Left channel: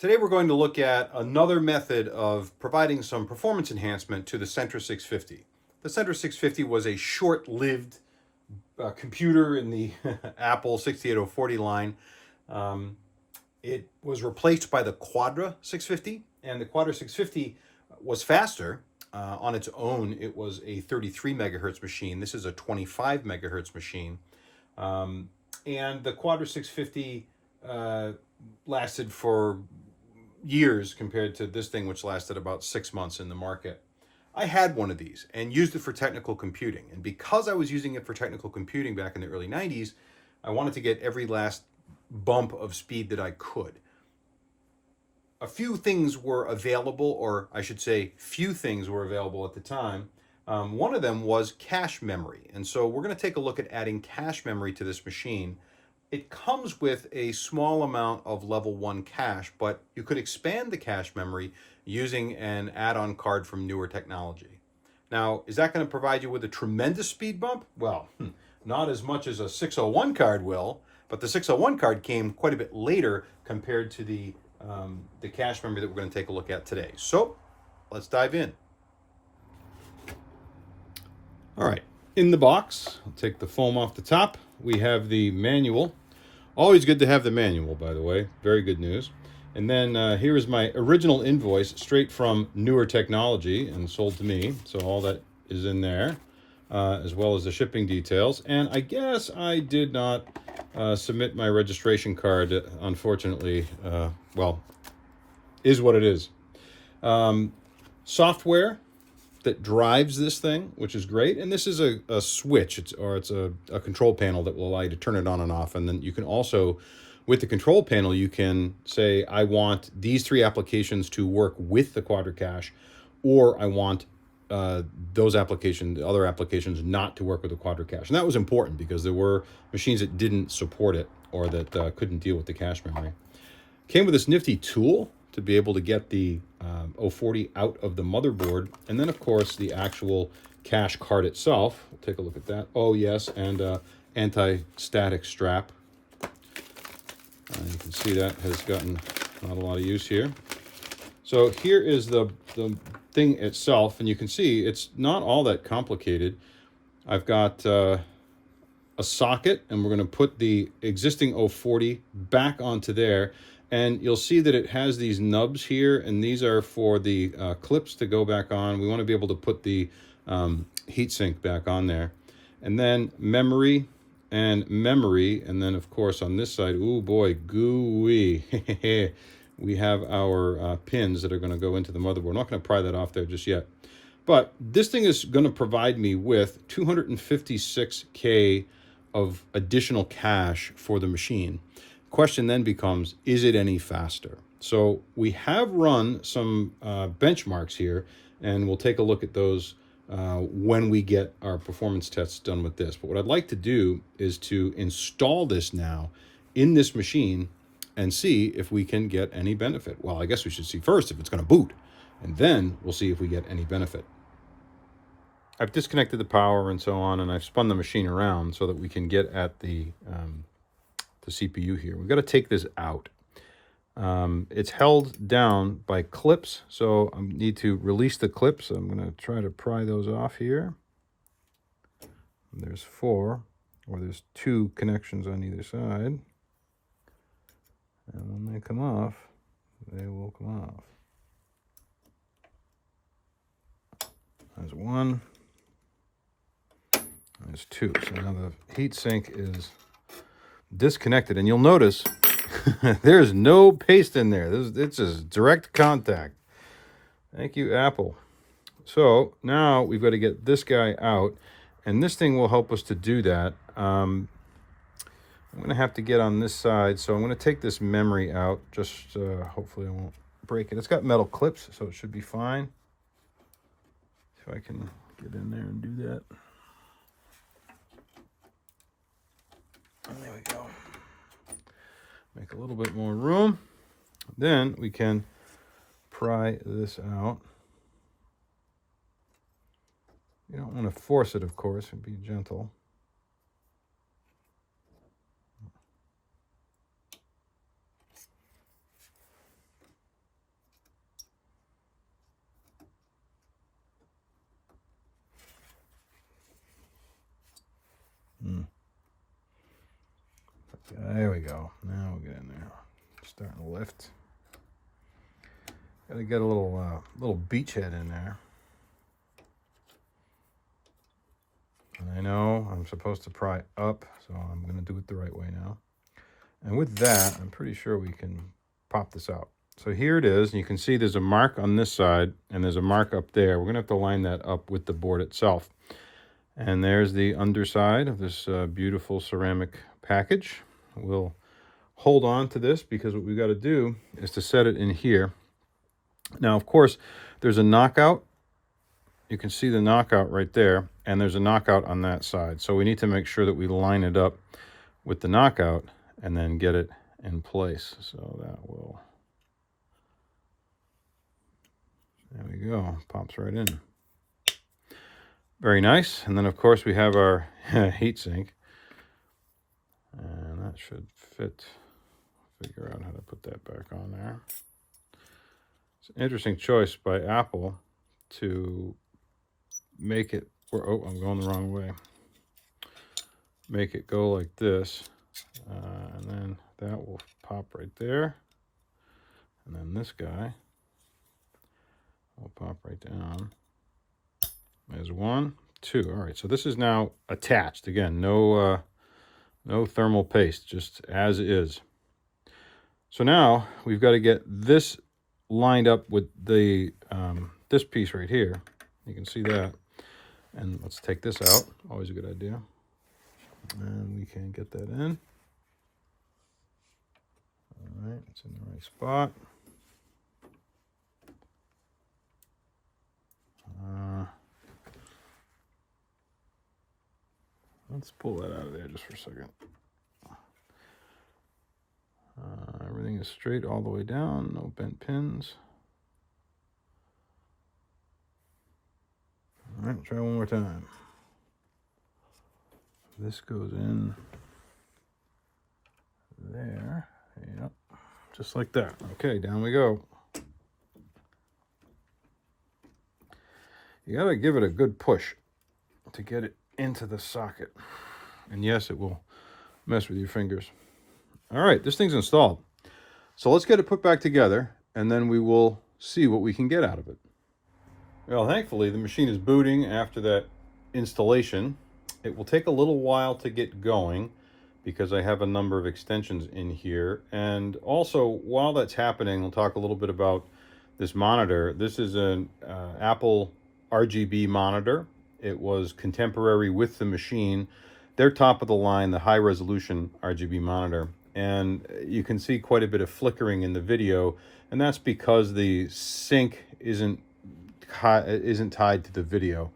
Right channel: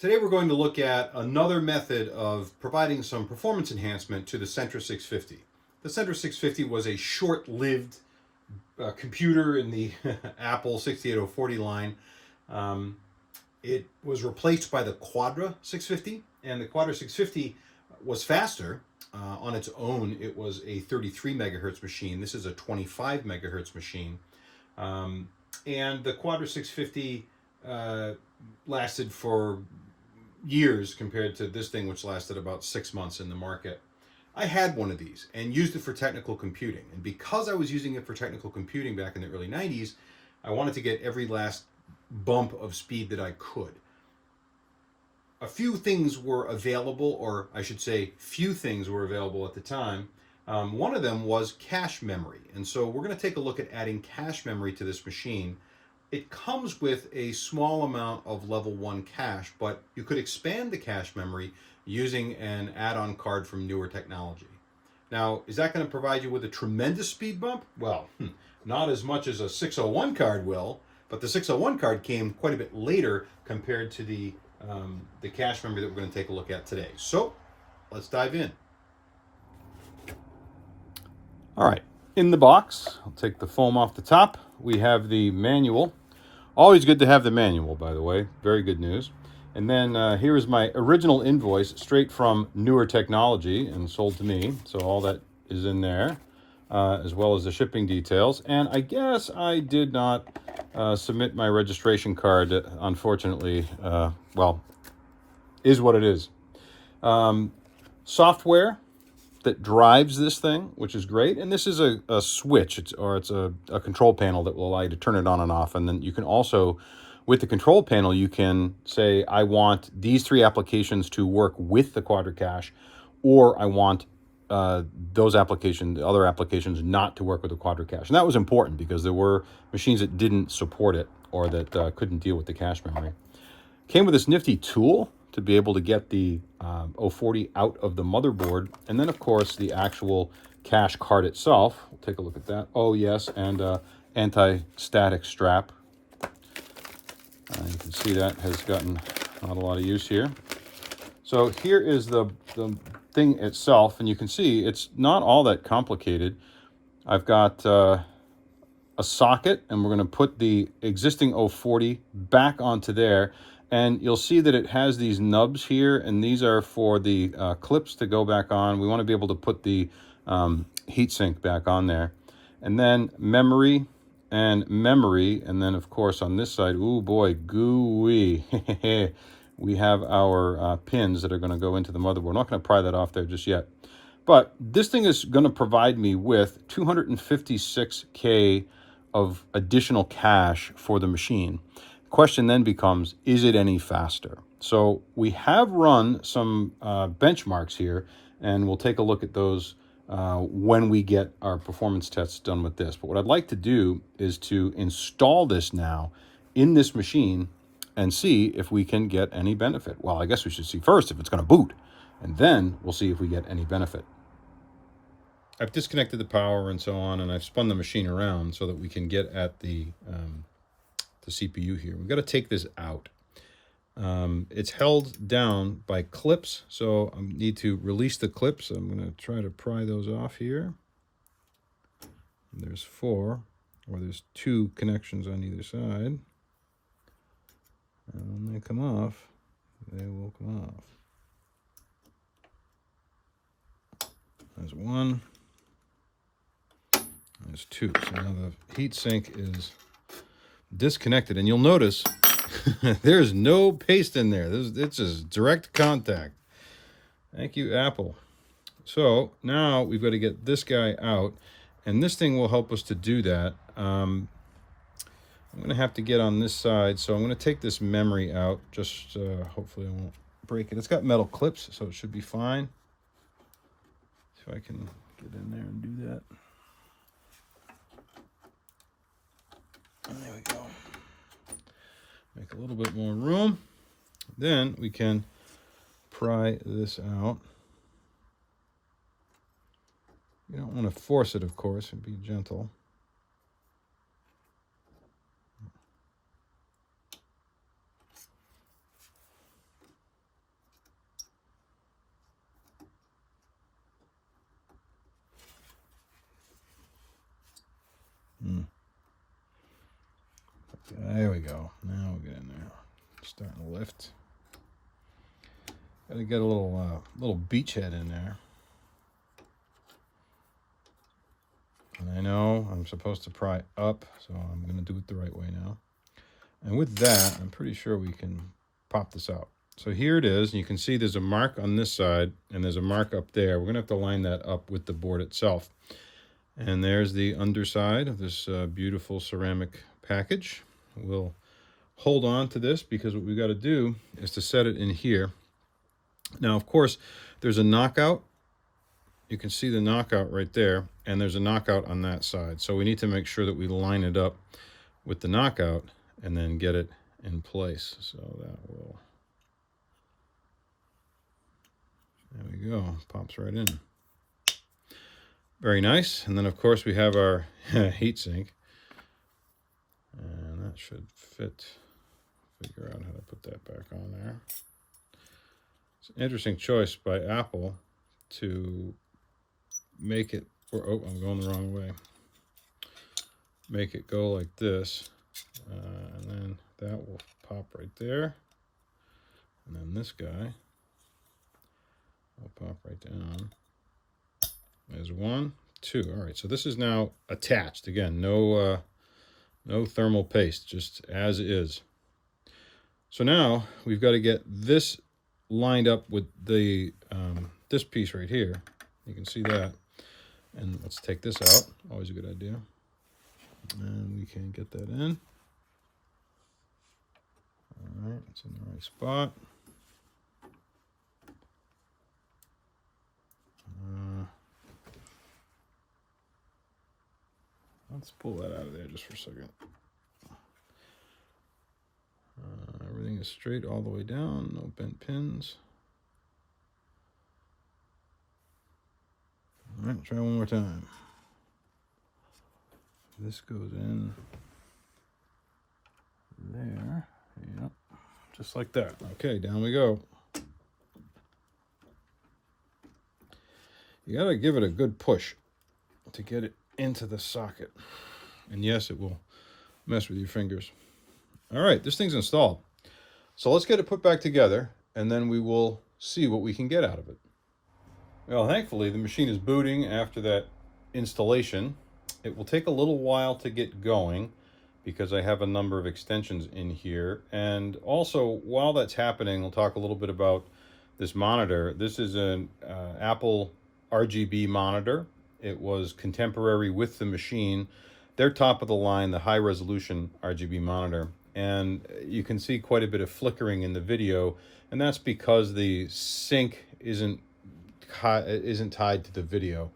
Today we're going to look at another method of providing some performance enhancement to the Centris 650. The Centris 650 was a short-lived computer in the Apple 68040 line. It was replaced by the Quadra 650, and the Quadra 650 was faster. On its own, it was a 33 megahertz machine. This is a 25 megahertz machine. And the Quadra 650 lasted for years compared to this thing, which lasted about 6 months in the market. I had one of these and used it for technical computing. And because I was using it for technical computing back in the early 90s, I wanted to get every last bump of speed that I could. A few things were available, or I should say few things were available at the time. One of them was cache memory. And so we're going to take a look at adding cache memory to this machine. It comes with a small amount of level 1 cache, but you could expand the cache memory using an add-on card from Newer Technology. Now, is that going to provide you with a tremendous speed bump? Well, not as much as a 601 card will, but the 601 card came quite a bit later compared to the cache memory that we're going to take a look at today. So, let's dive in. All right, in the box, I'll take the foam off the top. We have the manual. Always good to have the manual, by the way. Very good news. And then here is my original invoice straight from Newer Technology and sold to me. So all that is in there, as well as the shipping details. And I guess I did not submit my registration card, unfortunately. Well, is what it is. Software that drives this thing, which is great. And this is a switch, it's a control panel that will allow you to turn it on and off. And then you can also, with the control panel, you can say, I want these 3 applications to work with the Quadra Cache, or I want those applications, the other applications, not to work with the Quadra Cache. And that was important because there were machines that didn't support it or that couldn't deal with the cache memory. Came with this nifty tool to be able to get the 040 out of the motherboard. And then, of course, the actual cache card itself. We'll take a look at that. Oh, yes, and anti-static strap. You can see that has gotten not a lot of use here. So here is the thing itself, and you can see it's not all that complicated. I've got a socket, and we're going to put the existing 040 back onto there. And you'll see that it has these nubs here, and these are for the clips to go back on. We want to be able to put the heatsink back on there. And then memory, and then, of course, on this side, ooh, boy, gooey. We have our pins that are going to go into the motherboard. I'm not going to pry that off there just yet. But this thing is going to provide me with 256K of additional cache for the machine. Question then becomes, is it any faster? So we have run some benchmarks here, and we'll take a look at those when we get our performance tests done with this. But what I'd like to do is to install this now in this machine and see if we can get any benefit. Well, I guess we should see first if it's going to boot, and then we'll see if we get any benefit. I've disconnected the power and so on, and I've spun the machine around so that we can get at the CPU here. We've got to take this out. It's held down by clips, so I need to release the clips. I'm going to try to pry those off here. And there's 4, or there's 2 connections on either side. And when they come off, they will come off. There's 1. There's 2. So now the heatsink is disconnected, and you'll notice there's no paste in there. It's just direct contact. Thank you, Apple. So now we've got to get this guy out, and this thing will help us to do that. I'm going to have to get on this side, so I'm going to take this memory out. Just hopefully I won't break it. It's got metal clips, so it should be fine. See if I can get in there and do that. And there we go. Make a little bit more room. Then we can pry this out. You don't want to force it, of course, and be gentle. There we go. Now we'll get in there. Starting to lift. Got to get a little beachhead in there. And I know I'm supposed to pry up, so I'm going to do it the right way now. And with that, I'm pretty sure we can pop this out. So here it is, and you can see there's a mark on this side, and there's a mark up there. We're going to have to line that up with the board itself. And there's the underside of this beautiful ceramic package. We'll hold on to this because what we've got to do is to set it in here. Now, of course, there's a knockout. You can see the knockout right there, and there's a knockout on that side. So we need to make sure that we line it up with the knockout and then get it in place. So that will, there we go, pops right in. Very nice. And then, of course, we have our heat sink. And that should fit. Figure out how to put that back on there. It's an interesting choice by Apple to make it, or oh, I'm going the wrong way. Make it go like this. And then that will pop right there. And then this guy will pop right down. There's 1, 2. All right, so this is now attached. Again, no thermal paste, just as is. So now we've got to get this lined up with the this piece right here. You can see that. And let's take this out. Always a good idea. And we can get that in. All right, it's in the right spot. Let's pull that out of there just for a second. Everything is straight all the way down, no bent pins. All right, try one more time. This goes in there. Yep, just like that. Okay, down we go. You gotta give it a good push to get it into the socket. And yes, it will mess with your fingers. All right, this thing's installed. So let's get it put back together, and then we will see what we can get out of it. Well, thankfully, the machine is booting after that installation. It will take a little while to get going because I have a number of extensions in here. And also, while that's happening, we'll talk a little bit about this monitor. This is an Apple RGB monitor. It was contemporary with the machine. They're top of the line, the high resolution RGB monitor. And you can see quite a bit of flickering in the video, and that's because the sync isn't tied to the video.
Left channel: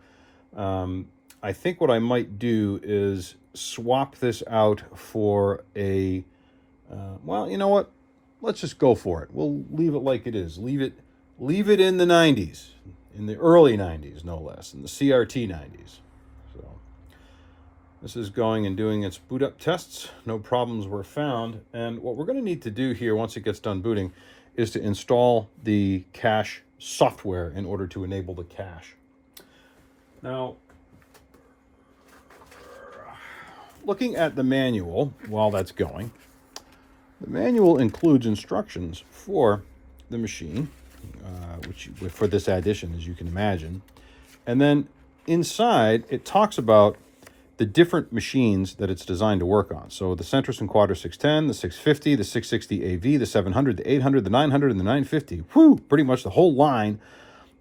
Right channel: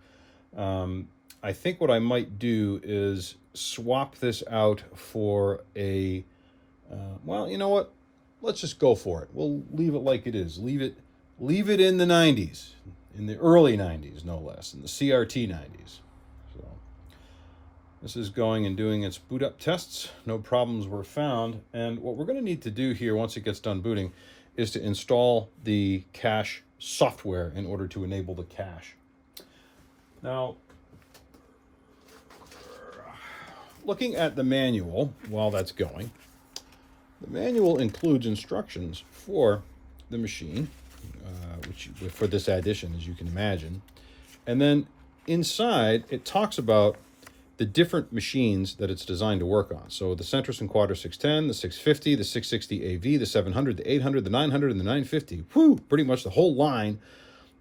I think what I might do is swap this out for a, well, you know what? Let's just go for it. We'll leave it like it is. Leave it in the 90s, in the early 90s, no less, in the CRT 90s. So this is going and doing its boot up tests. No problems were found. And what we're going to need to do here once it gets done booting is to install the cache software in order to enable the cache. Now, looking at the manual while that's going, the manual includes instructions for the machine, which for this addition, as you can imagine. And then inside, it talks about the different machines that it's designed to work on. So the Centris and Quadra 610, the 650, the 660 AV, the 700, the 800, the 900, and the 950. Whew, pretty much the whole line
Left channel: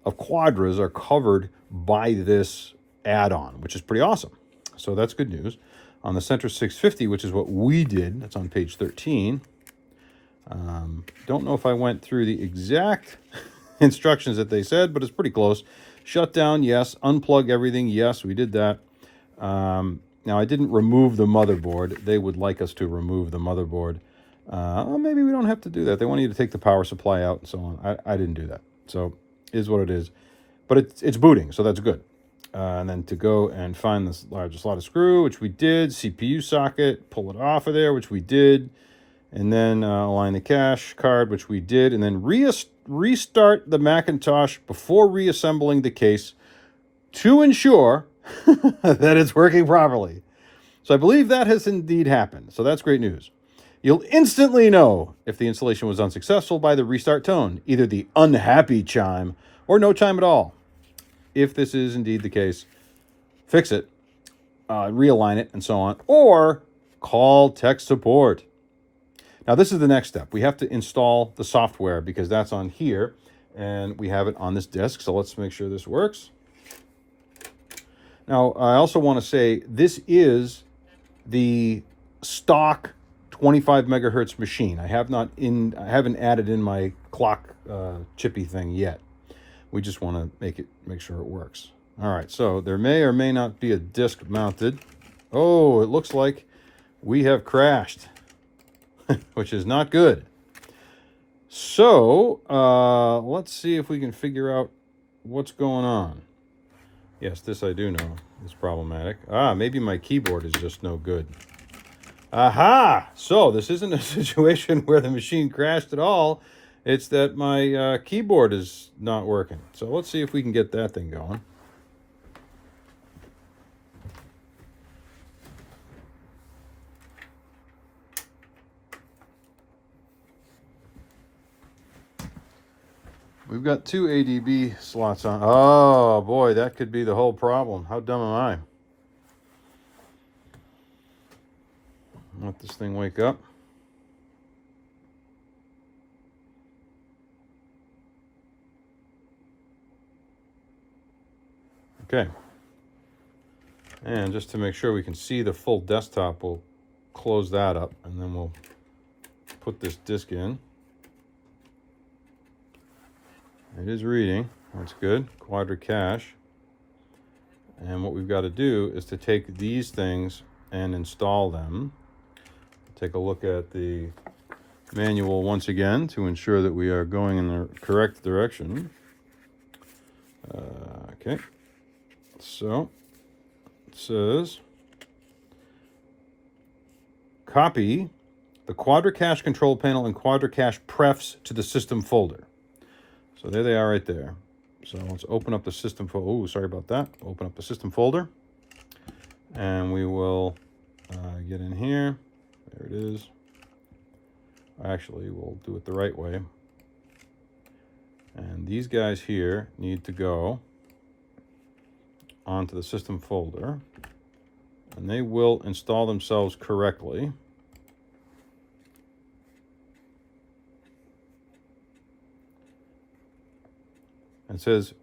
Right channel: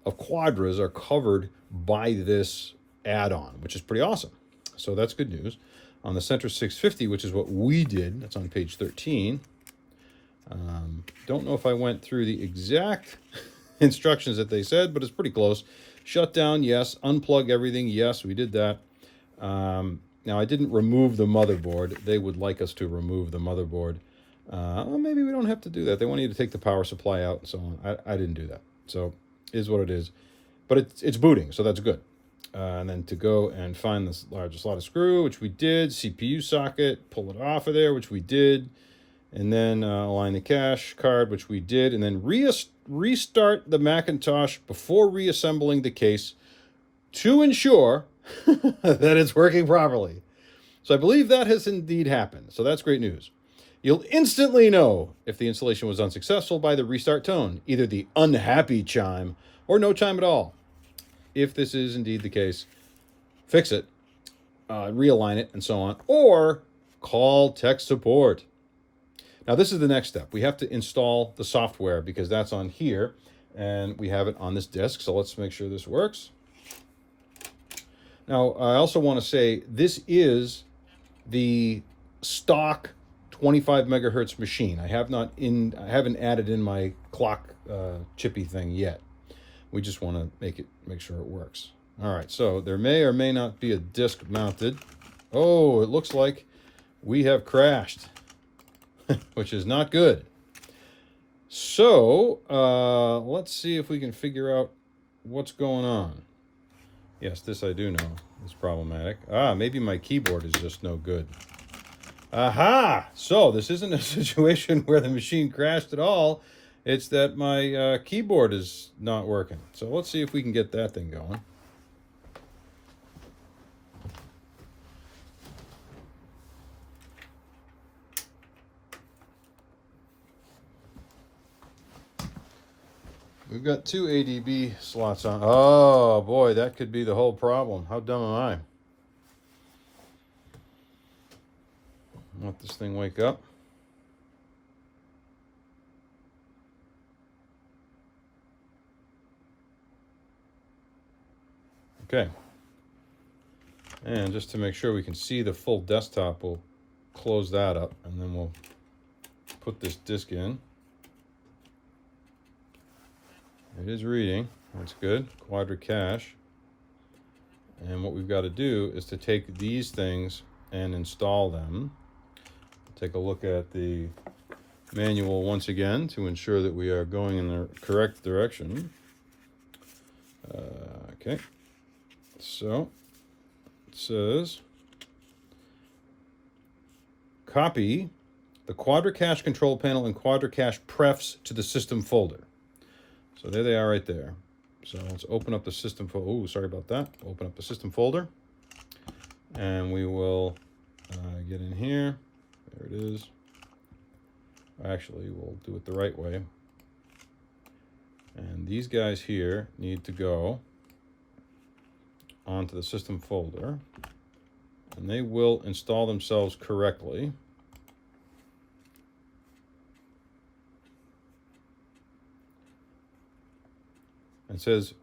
of Quadras are covered by this add-on, which is pretty awesome. So that's good news. On the Centris 650, which is what we did, that's on page 13. Don't know if I went through the exact instructions that they said, but it's pretty close. Shut down, yes. Unplug everything, yes, we did that. Now, I didn't remove the motherboard. They would like us to remove the motherboard. Well, maybe we don't have to do that. They want you to take the power supply out and so on. I didn't do that. So it is what it is. But it's booting, so that's good. And then to go and find this larger slot of screw, which we did. CPU socket, pull it off of there, which we did. And then align the cache card, which we did. And then restart the Macintosh before reassembling the case to ensure that it's working properly. So I believe that has indeed happened. So that's great news. You'll instantly know if the installation was unsuccessful by the restart tone, either the unhappy chime or no chime at all. If this is indeed the case, fix it, realign it, and so on, or call tech support. Now, this is the next step. We have to install the software because that's on here, and we have it on this disk. So let's make sure this works. Now, I also want to say this is the stock 25 megahertz machine. I haven't added in my clock chippy thing yet. We just want to make sure it works. All right, so there may or may not be a disk mounted. Oh, it looks like we have crashed, which is not good. So let's see if we can figure out what's going on. Yes, this I do know is problematic. Maybe my keyboard is just no good. Aha! So this isn't a situation where the machine crashed at all. It's that my keyboard is not working. So let's see if we can get that thing going. We've got 2 ADB slots on. Oh boy, that could be the whole problem. How dumb am I? Let this thing wake up. Okay. And just to make sure we can see the full desktop, we'll close that up and then we'll put this disk in. It is reading. That's good. Quadra Cache. And what we've got to do is to take these things and install them. Take a look at the manual once again to ensure that we are going in the correct direction. Okay. So it says copy the Quadra Cache control panel and Quadra Cache prefs to the system folder. So there they are right there. So let's open up the system folder. Oh, sorry about that. Open up the system folder. And we will get in here. There it is. Actually, we'll do it the right way. And these guys here need to go onto the system folder. And they will install themselves correctly. It says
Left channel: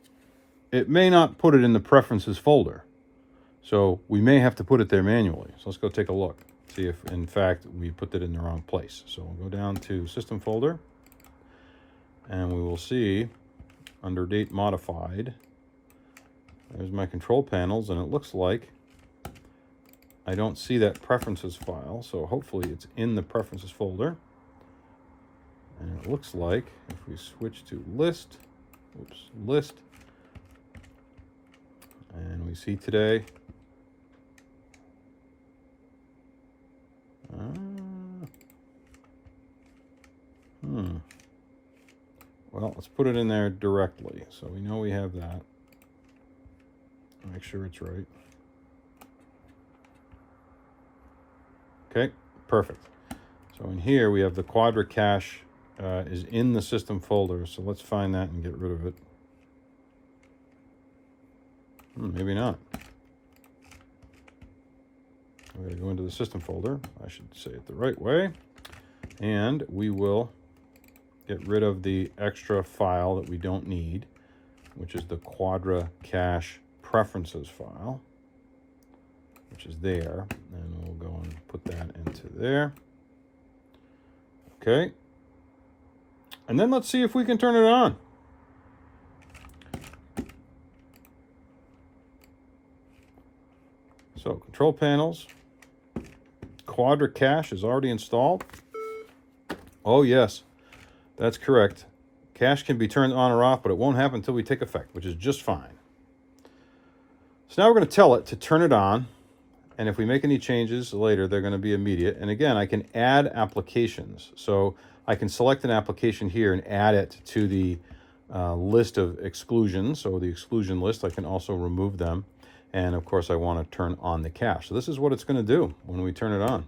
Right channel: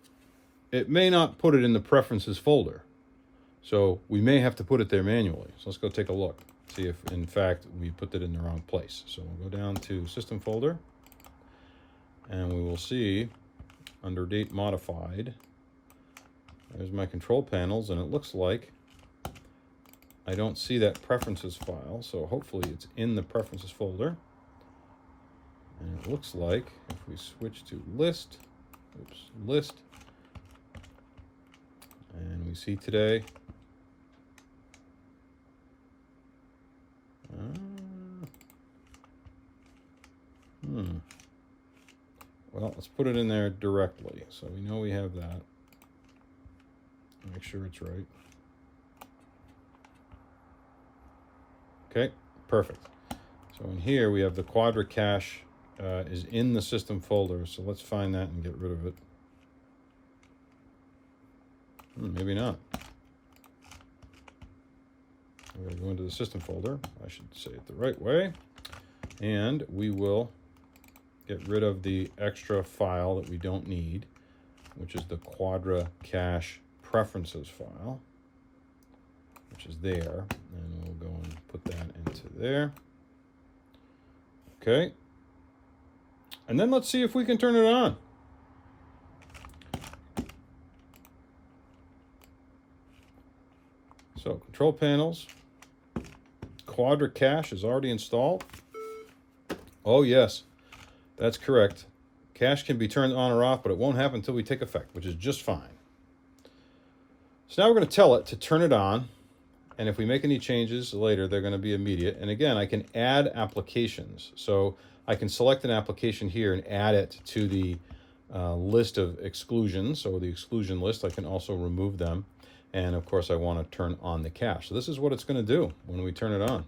it may not put it in the preferences folder. So we may have to put it there manually. So let's go take a look. See if in fact we put it in the wrong place. So we'll go down to system folder and we will see under date modified. There's my control panels and it looks like I don't see that preferences file. So hopefully it's in the preferences folder. And it looks like if we switch to list, and we see today. Well, let's put it in there directly. So we know we have that. Make sure it's right. Okay, perfect. So in here we have the Quadra Cache is in the system folder. So let's find that and get rid of it. Maybe not. We're going to go into the system folder. I should say it the right way. And we will get rid of the extra file that we don't need, which is the Quadra Cache preferences file, which is there. And we'll go and put that into there. Okay. And then let's see if we can turn it on. So control panels, Quadra Cache is already installed. Oh yes, that's correct. Cache can be turned on or off, but it won't happen until we take effect, which is just fine. So now we're going to tell it to turn it on. And if we make any changes later, they're going to be immediate. And again, I can add applications. So I can select an application here and add it to the list of exclusions. So the exclusion list, I can also remove them. And of course, I want to turn on the cache. So this is what it's going to do when we turn it on.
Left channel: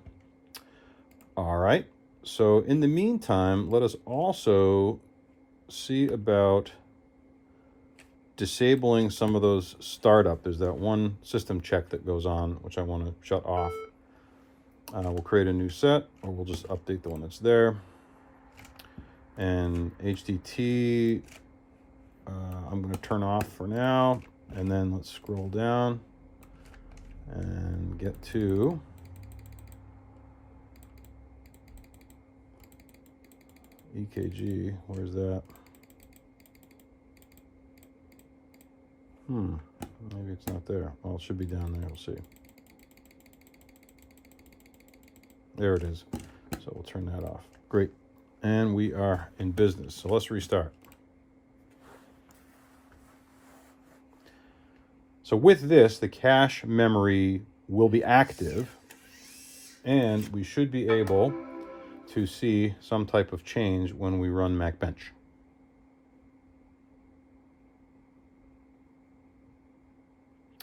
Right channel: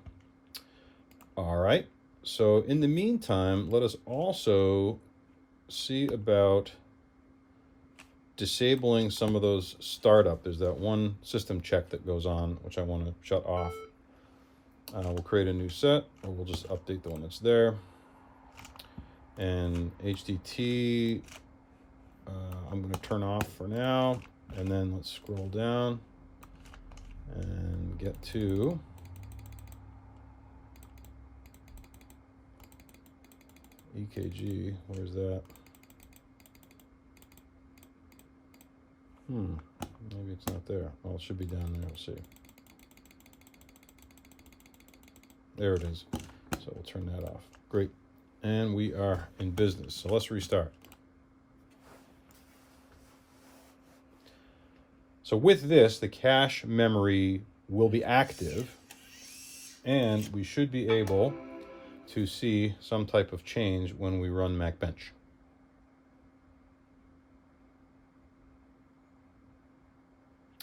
All right. So in the meantime, let us also see about disabling some of those startup. There's that one system check that goes on, which I want to shut off. We'll create a new set, or we'll just update the one that's there. And HDT, I'm going to turn off for now. And then let's scroll down and get to EKG. Where's that? Maybe it's not there. Well, it should be down there. We'll see. There it is. So we'll turn that off. Great. And we are in business. So let's restart. So with this, the cache memory will be active, and we should be able to see some type of change when we run MacBench.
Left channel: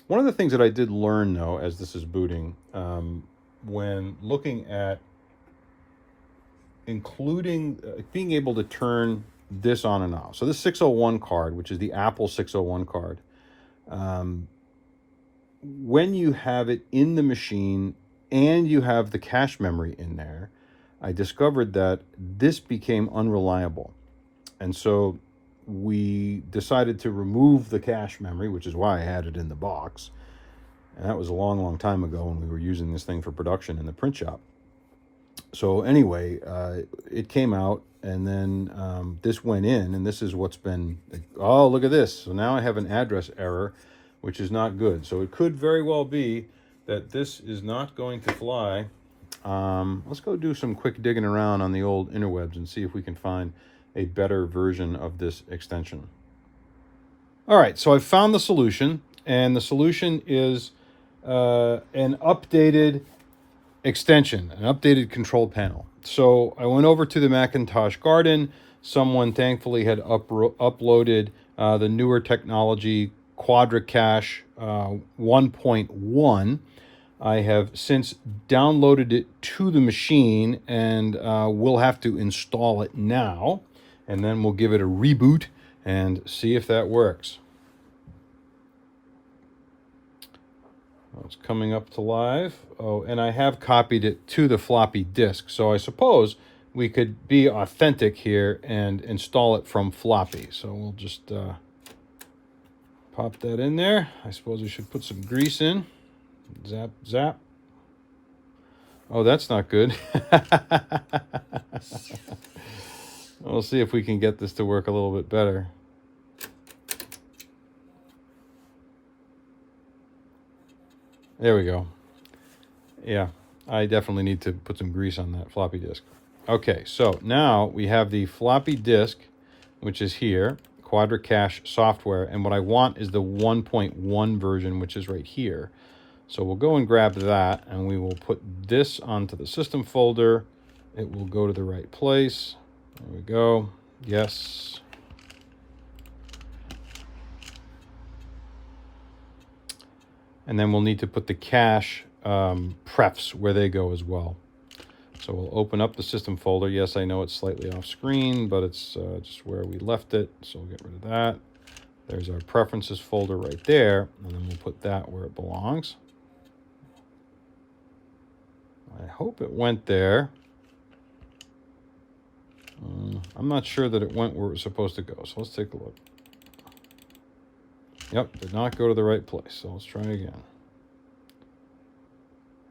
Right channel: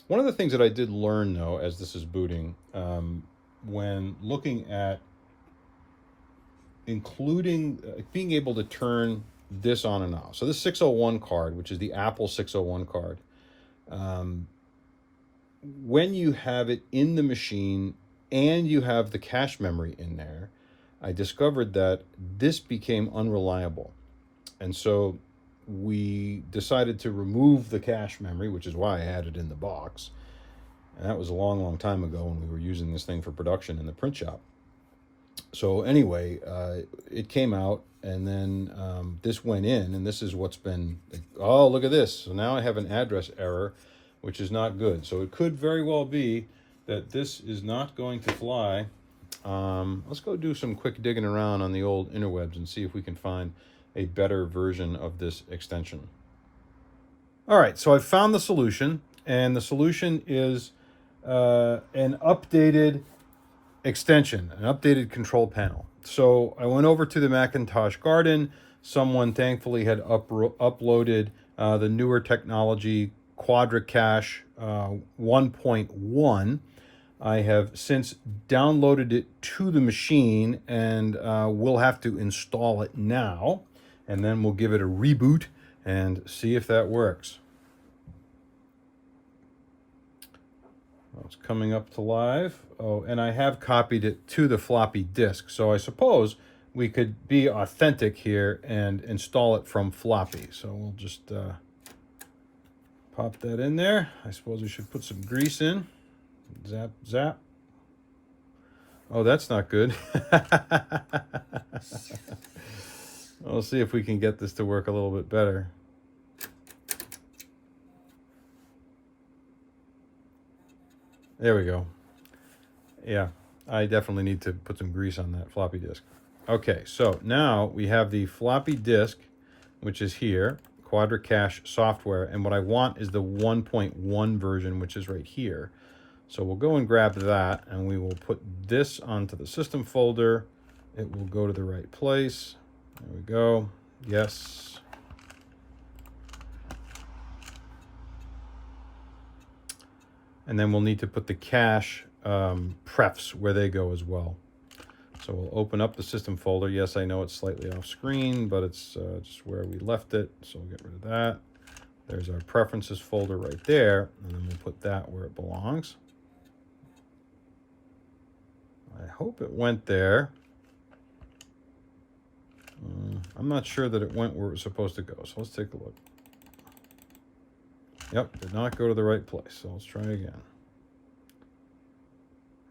One of the things that I did learn, though, as this is booting, when looking at including being able to turn this on and off. So this 601 card, which is the Apple 601 card, when you have it in the machine and you have the cache memory in there, I discovered that this became unreliable. And so we decided to remove the cache memory, which is why I had it in the box. And that was a long, long time ago when we were using this thing for production in the print shop. So anyway, it came out, and then this went in, and this is what's been, oh, look at this. So now I have an address error, which is not good. So it could very well be that this is not going to fly. Let's go do some quick digging around on the old interwebs and see if we can find a better version of this extension. All right, so I've found the solution, and the solution is an updated extension, an updated control panel. So I went over to the Macintosh Garden. Someone thankfully had uploaded the Newer Technology Quadra Cache 1.1. I have since downloaded it to the machine, and we'll have to install it now, and then we'll give it a reboot and see if that works. It's coming up to live. Oh, and I have copied it to the floppy disk, so I suppose we could be authentic here and install it from floppy. So we'll just pop that in there. I suppose we should put some grease in. Zap, zap. Oh, that's not good. We'll see if we can get this to work a little bit better. There we go. Yeah, I definitely need to put some grease on that floppy disk. Okay, so now we have the floppy disk, which is here, Quadra Cache software, and what I want is the 1.1 version, which is right here. So we'll go and grab that, and we will put this onto the system folder. It will go to the right place. There we go. Yes. And then we'll need to put the cache prefs where they go as well. So we'll open up the system folder. Yes, I know it's slightly off screen, but it's just where we left it. So we'll get rid of that. There's our preferences folder right there. And then we'll put that where it belongs. I hope it went there. I'm not sure that it went where it was supposed to go. So let's take a look. Yep, did not go to the right place. So let's try again.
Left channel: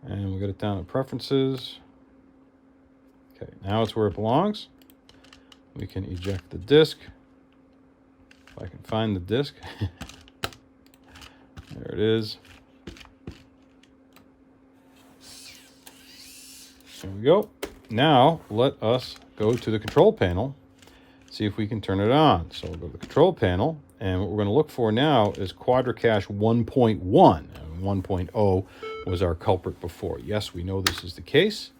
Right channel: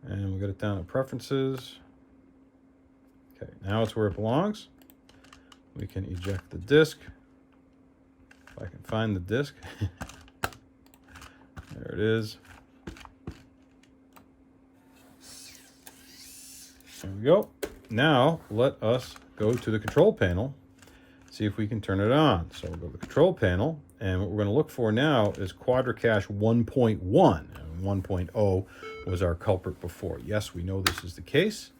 And we got it down to preferences. Okay, now it's where it belongs. We can eject the disk. If I can find the disk. There it is. There we go. Now let us go to the control panel, see if we can turn it on. So we'll go to the control panel, and what we're going to look for now is Quadra Cache 1.1. And 1.0 was our culprit before. Yes, we know this is the case.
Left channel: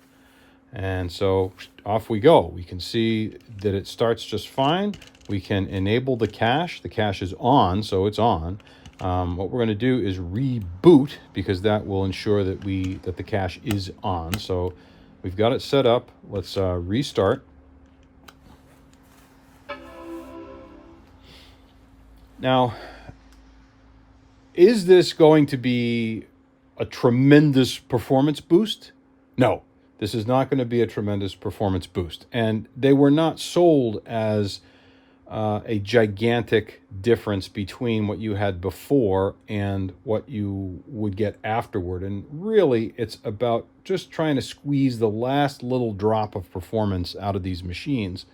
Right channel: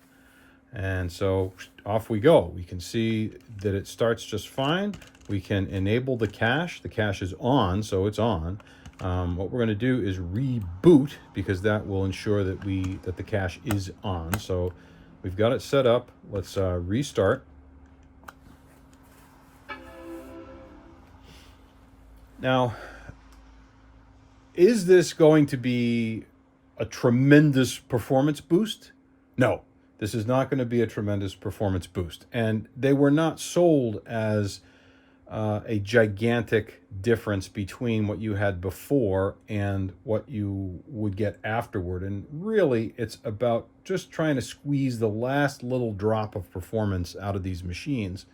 And so off we go. We can see that it starts just fine. We can enable the cache. The cache is on, so it's on. What we're going to do is reboot, because that will ensure that the cache is on. So We've got it set up. Let's restart. Now, is this going to be a tremendous performance boost? No, this is not going to be a tremendous performance boost. And they were not sold as a gigantic difference between what you had before and what you would get afterward. And really, it's about just trying to squeeze the last little drop of performance out of these machines.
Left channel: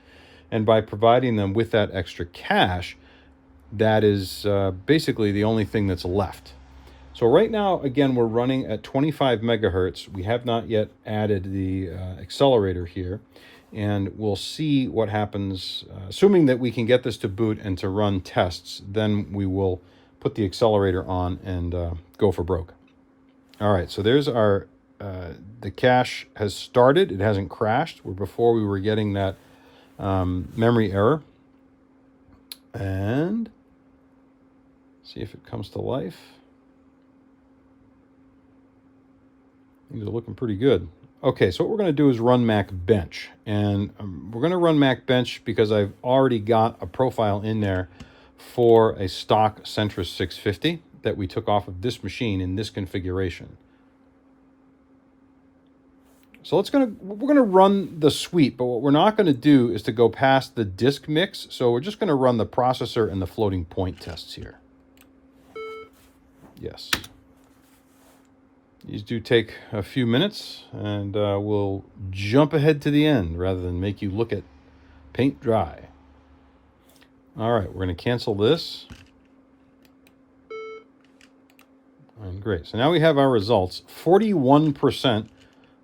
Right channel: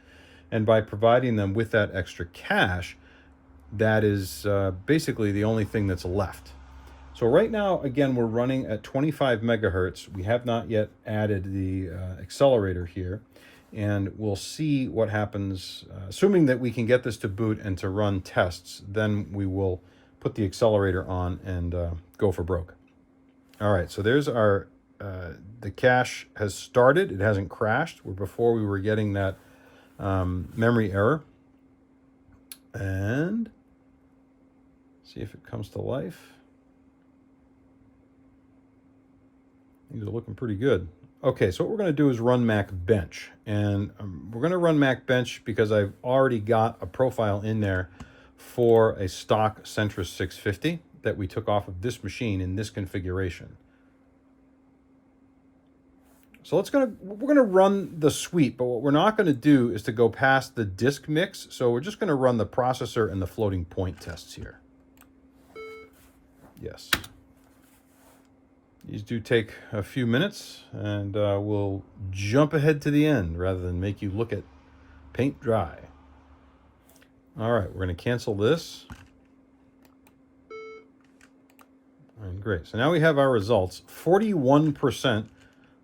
And by providing them with that extra cache, that is basically the only thing that's left. So right now, again, we're running at 25 megahertz. We have not yet added the accelerator here. And we'll see what happens. Assuming that we can get this to boot and to run tests, then we will put the accelerator on and go for broke. All right, so there's our, the cache has started. It hasn't crashed. Before we were getting that memory error. And see if it comes to life. These are looking pretty good. Okay, so what we're going to do is run Mac Bench. And we're going to run Mac Bench because I've already got a profile in there for a stock Centris 650 that we took off of this machine in this configuration. So we're going to run the suite, but what we're not going to do is to go past the disk mix. So we're just going to run the processor and the floating point tests here. Yes. These do take a few minutes, and we'll jump ahead to the end rather than make you look at paint dry. All right, we're going to cancel this. And great. So now we have our results. 41%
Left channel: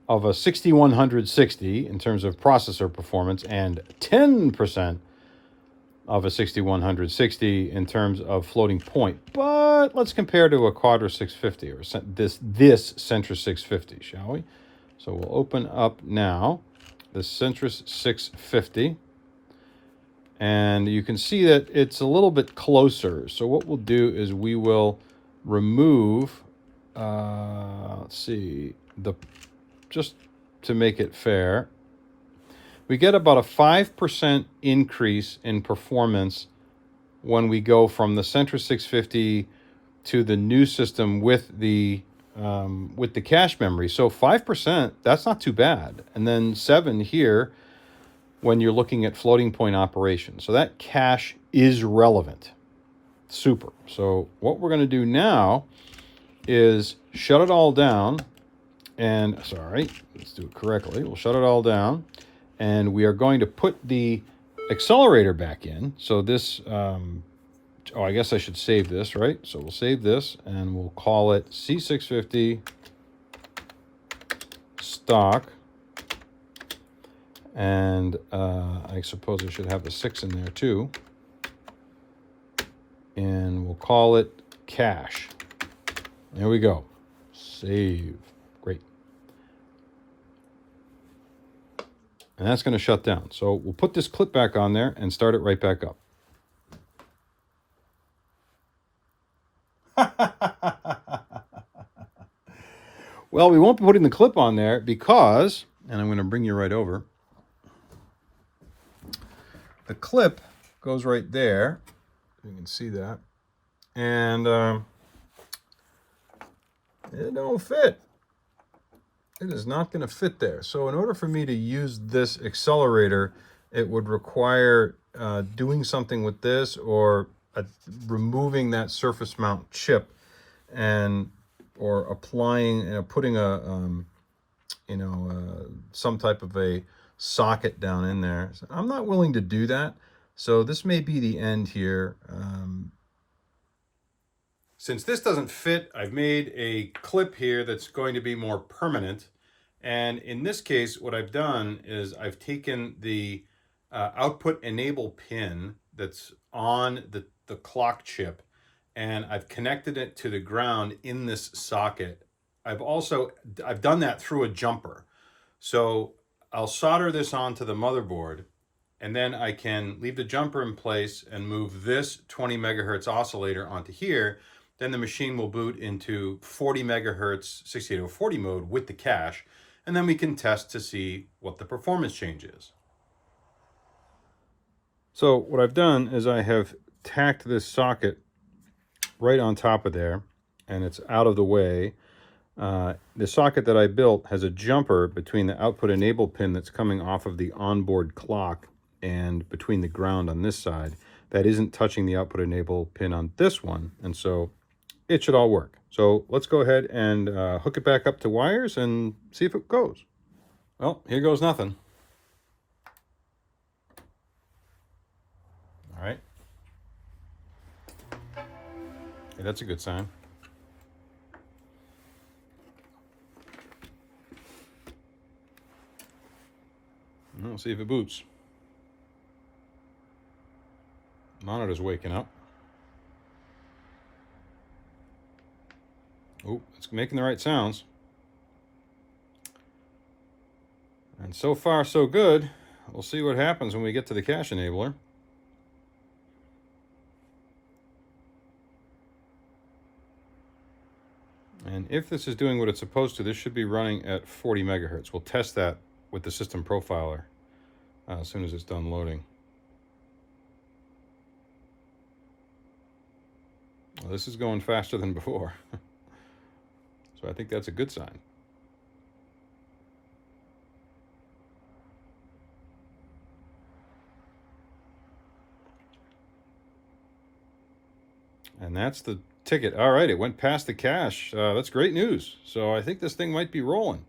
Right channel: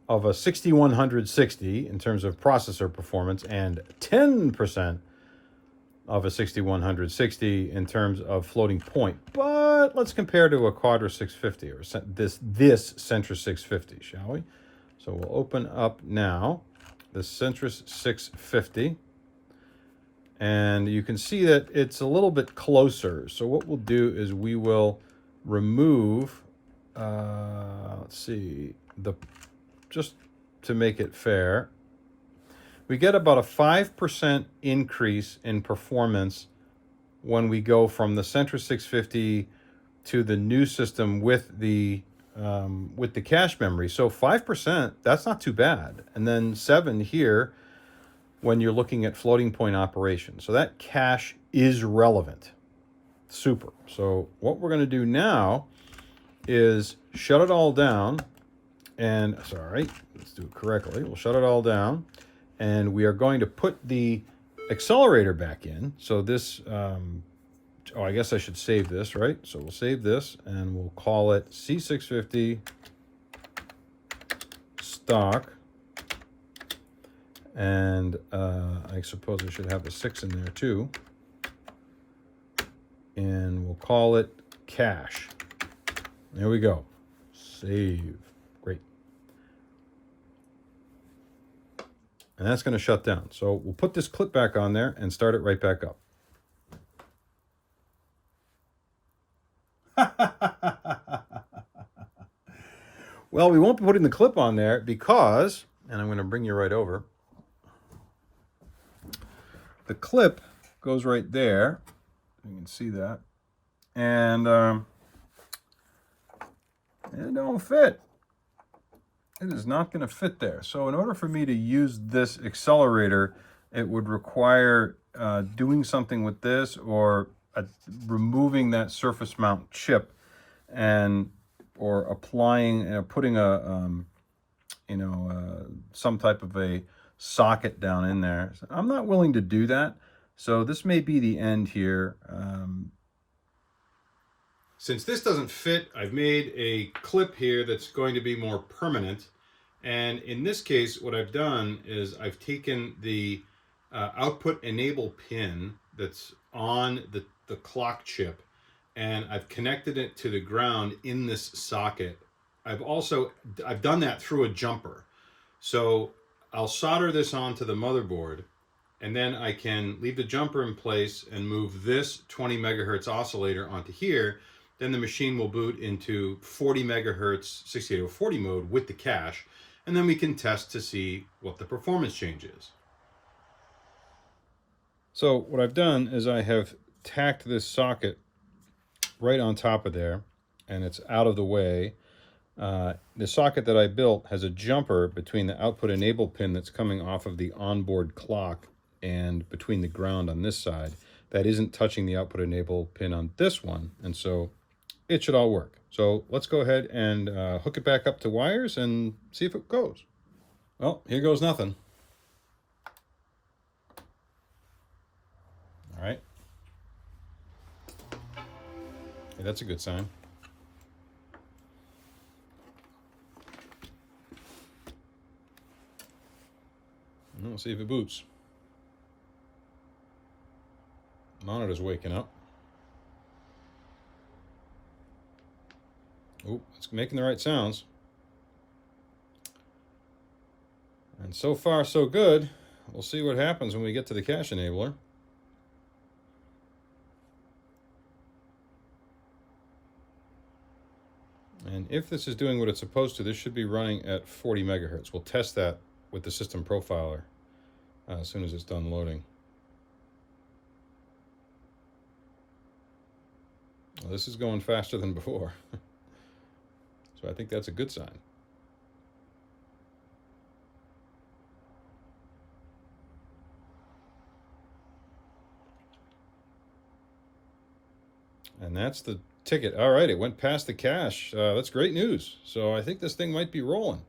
of a 6160 in terms of processor performance, and 10% of a 6160 in terms of floating point. But let's compare to a Quadra 650 or this Centris 650, shall we? So we'll open up now the Centris 650, and you can see that it's a little bit closer. So what we'll do is we will remove, let's see, just to make it fair, we get about a 5% increase in performance when we go from the Centris 650 to the new system with the cache memory. So 5%, that's not too bad. And then 7 here when you're looking at floating point operation. So that cache is relevant. Super. So what we're going to do now is shut it all down. And sorry, let's do it correctly. We'll shut it all down. And we are going to put the accelerator back in. So this, I guess I should save this, right? So we'll save this and we'll call it C650 stock. And I suppose I should have a 6 in there too. And we'll call it cache. There we go. Save. Great. And that's going to shut down. So we'll put this clip back on there and start it right back up. Well, we won't be putting the clip on there because, and I'm going to bring you right over. The clip goes right there. You can see that. And it don't fit. It is not going to fit there. So in order for me to use this accelerator, it would require doing something with this or removing that surface mount chip and or applying, putting some type of a socket down in there. So I'm not willing to do that. So this may be the end here. Since this doesn't fit, I've made a clip here that's going to be more permanent. And in this case, what I've done is I've taken the output enable pin that's on the clock chip, and I've connected it to the ground in this socket. I've done that through a jumper. So I'll solder this onto the motherboard, and then I can leave the jumper in place and move this 20 megahertz oscillator onto here. Then the machine will boot into 40 megahertz 6840 mode with the cache. and then we can test to see what the performance change is. So what I've done is I have tacked this socket right on top of there, and it's out of the way. The socket that I built has a jumper between the output enable pin that's coming off of the onboard clock and between the ground on this side that isn't touching the output enable pin on this one, and so it should all work. So let's go ahead and hook it back up to wires and see if it goes. Well, here goes nothing. All right. Okay, that's a good sign. Let's see if it boots. Monitor's waking up. Oh, it's making the right sounds. And so far, so good. We'll see what happens when we get to the cache enabler. And if this is doing what it's supposed to, this should be running at 40 megahertz. We'll test that with the system profiler as soon as it's done loading. Well, this is going faster than before. So I think that's a good sign. And that's the ticket. All right, it went past the cache. That's great news. So I think this thing might be rolling.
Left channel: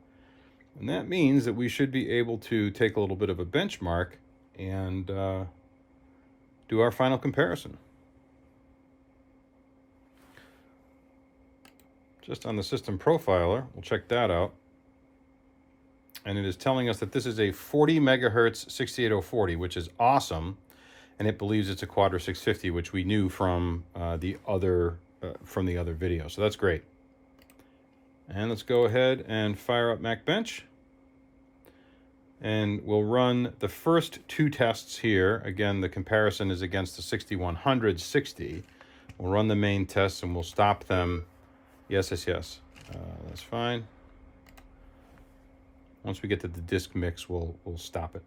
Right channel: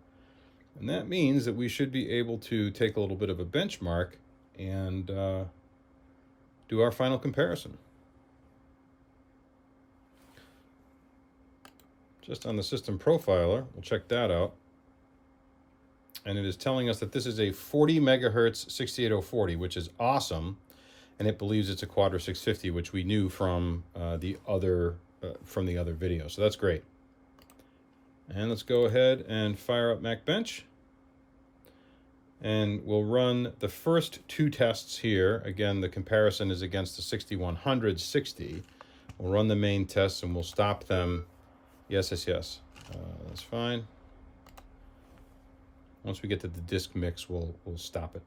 And that means that we should be able to take a little bit of a benchmark and do our final comparison. Just on the system profiler, we'll check that out. And it is telling us that this is a 40 megahertz 68040, which is awesome. And it believes it's a Quadra 650, which we knew from the other video. So that's great. And let's go ahead and fire up MacBench. And we'll run the first two tests here. Again, the comparison is against the 6160. We'll run the main tests and we'll stop them. Yes. That's fine. Once we get to the disk mix, we'll stop it.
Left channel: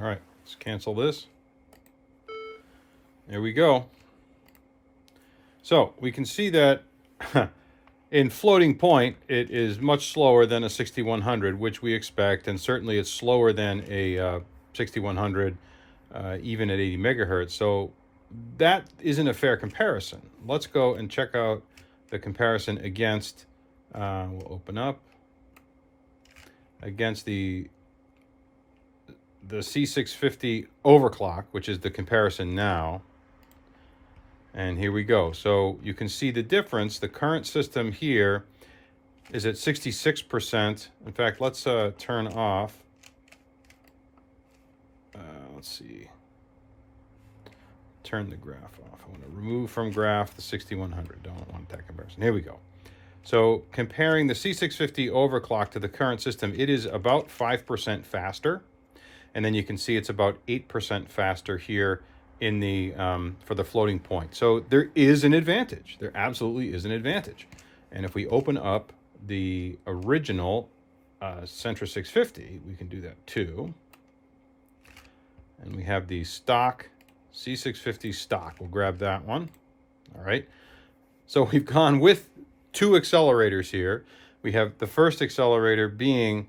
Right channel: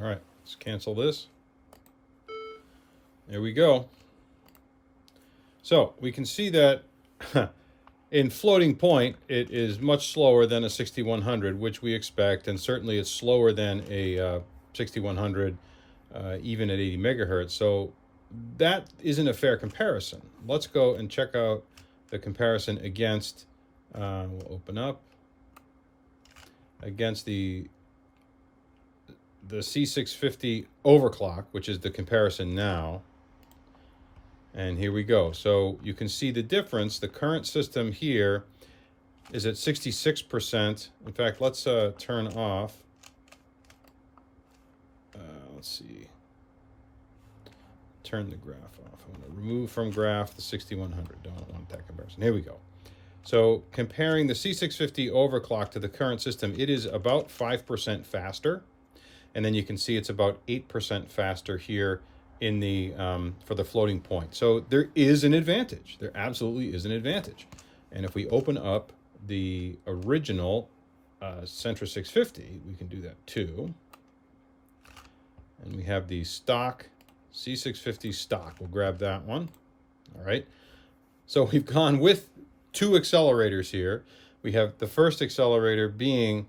All right, let's cancel this. There we go. So we can see that in floating point, it is much slower than a 6100, which we expect, and certainly it's slower than a 6100, even at 80 megahertz. So that isn't a fair comparison. Let's go and check out the comparison against, we'll open up, against the C650 overclock, which is the comparison now. And here we go. So you can see the difference. The current system here is at 66%. In fact, let's turn off. Let's see. Turn the graph off. I want to remove from graph the 6100. Don't want that comparison. Here we go. So comparing the C650 overclock to the current system, it is about 5% faster. And then you can see it's about 8% faster here in the for the floating point. So there is an advantage. There absolutely is an advantage. And if we open up the original Centris 650, we can do that too. And we have the stock C650 stock. We'll grab that one. All right. So we've gone with two accelerators here. We have the first accelerator being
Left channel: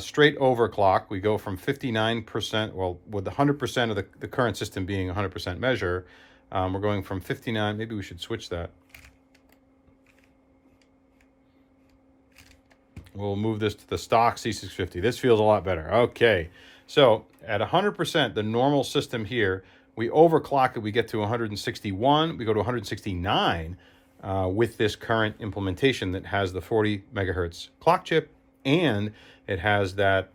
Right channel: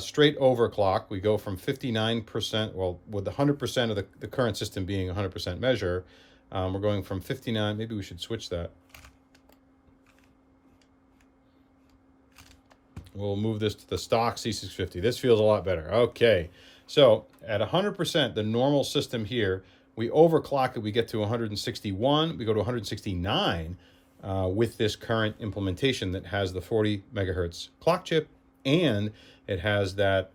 straight overclock. We go from 59%, well, with 100% of the current system being 100% measure, we're going from 59, maybe we should switch that. We'll move this to the stock C650. This feels a lot better. Okay, so at 100%, the normal system here, we overclock it, we get to 161, we go to 169 with this current implementation that has the 40 megahertz clock chip, and it has that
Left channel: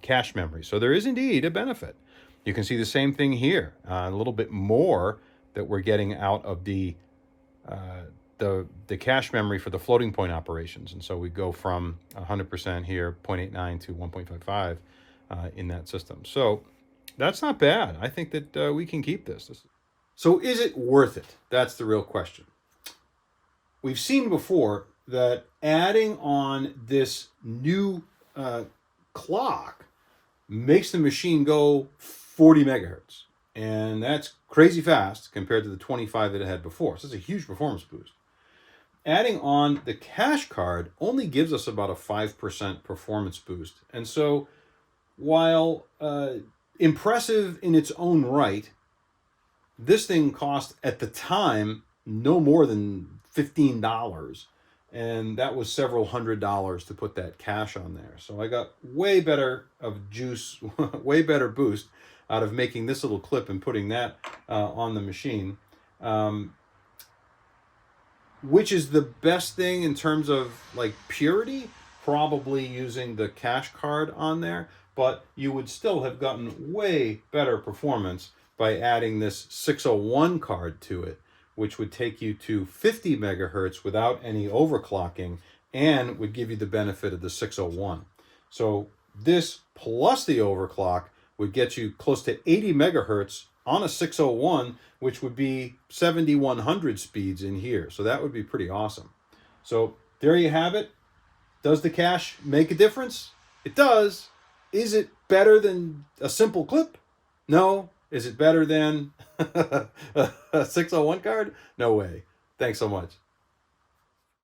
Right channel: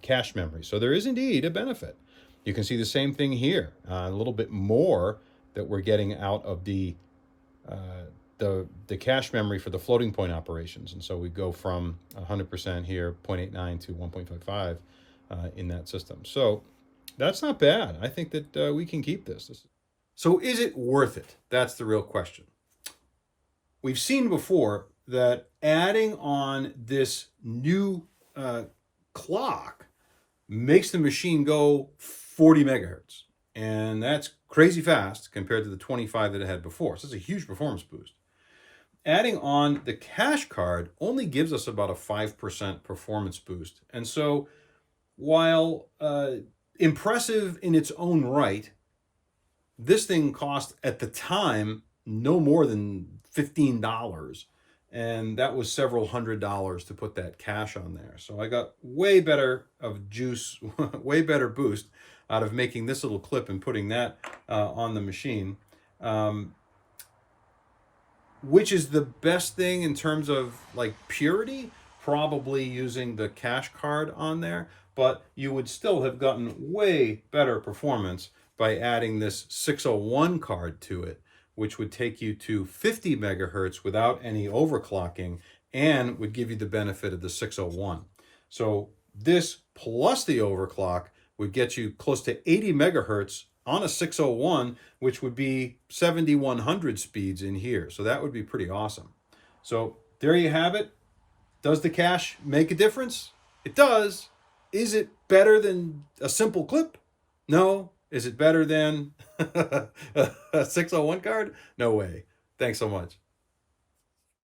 cache memory. So there is indeed a benefit. You can see the same thing here, a little bit more that we're getting out of the cache memory for the floating point operations. And so we go from 100% here, 0.89 to 1.55 in that system. So that's not bad. I think that we can keep this. So is it worth it? That's the real question. we've seen before that adding on this new clock makes the machine go 40 megahertz. And that's crazy fast compared to the 25 that it had before. So it's a huge performance boost. Adding on the cache card only gives us about a 5% performance boost. And so while impressive in its own right, this thing cost at the time no more than $15. And that was several $100s to put that cache on there. So I got way better of juice, way better boost out of making this little clip and putting that on the machine. Which is the best thing in terms of like purity? Probably using the cache card on there, but you would still have gotten way better performance by adding this 601 card to it, which would take you to 50 megahertz without any overclocking and would give you the benefit of the 601. So this plus the overclock would get you close to 80 megahertz on a 601, which would be 7100 speeds in here. So that would be pretty awesome. So there you have it. Does the cache make a difference? It does. Is it better than a simple clip? No. Is it better than a 601 card? No way. Thanks so much.